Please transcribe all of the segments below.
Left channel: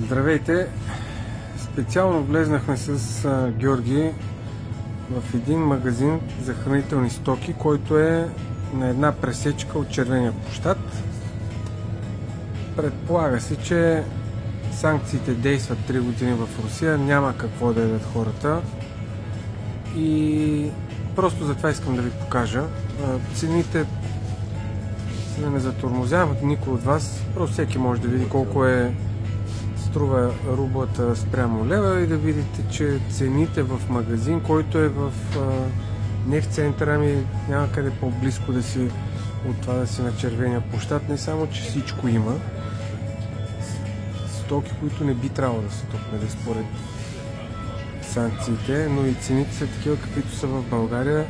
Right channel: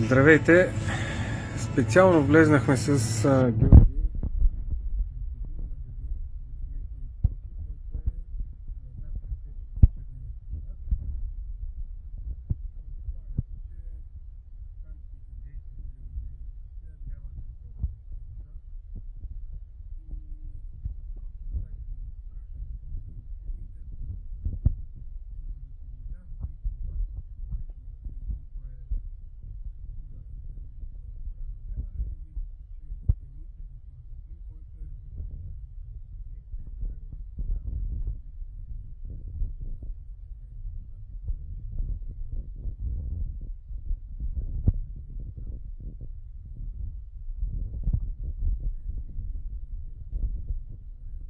Здравейте! Специално влезнахме с Георги в един магазин за хранителни стоки, който е на една пресечка от Червения площад. Предполага се, че санкциите действат 3 години в Русия, няма какво да ядат хората и просто затова искам да ви покажа. Цените се не затормозяват никой от вас, просто всеки може да види колко струва рублата спрямо лева и да видите, че цените в магазин, който е не в центъра, ами няма къде по-близко да си от това да си на Червения площад, не само, че всичко има стоки, които не би трябвало да са тук, според санкциите, но и цените са такива, каквито са в България,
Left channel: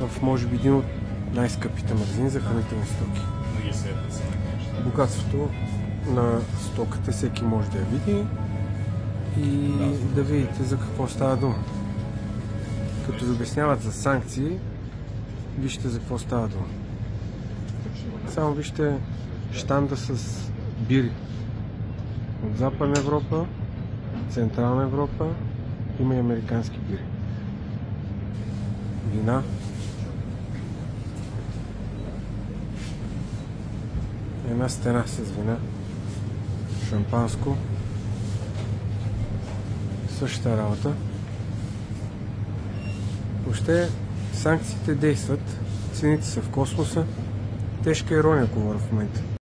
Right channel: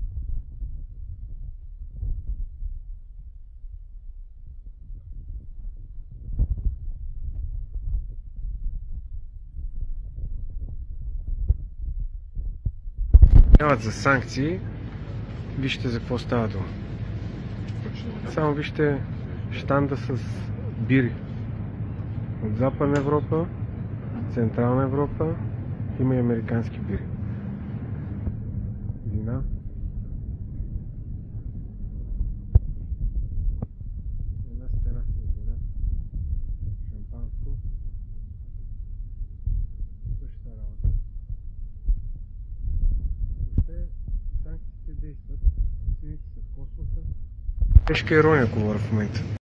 в може би един от най-скъпите магазини за хранителни стоки. Богатството на стоката всеки може да я види и да видите за какво става дума. Като ви обясняват за санкции, вижте за какво става дума. Само вижте щанда с бири от Западна Европа, Централна Европа, има и американски бири. Вина. Една стена с вина. Шампанско. Същата работа. Въобще санкциите действат, цените са в космоса. Тежка ирония говоря в момента.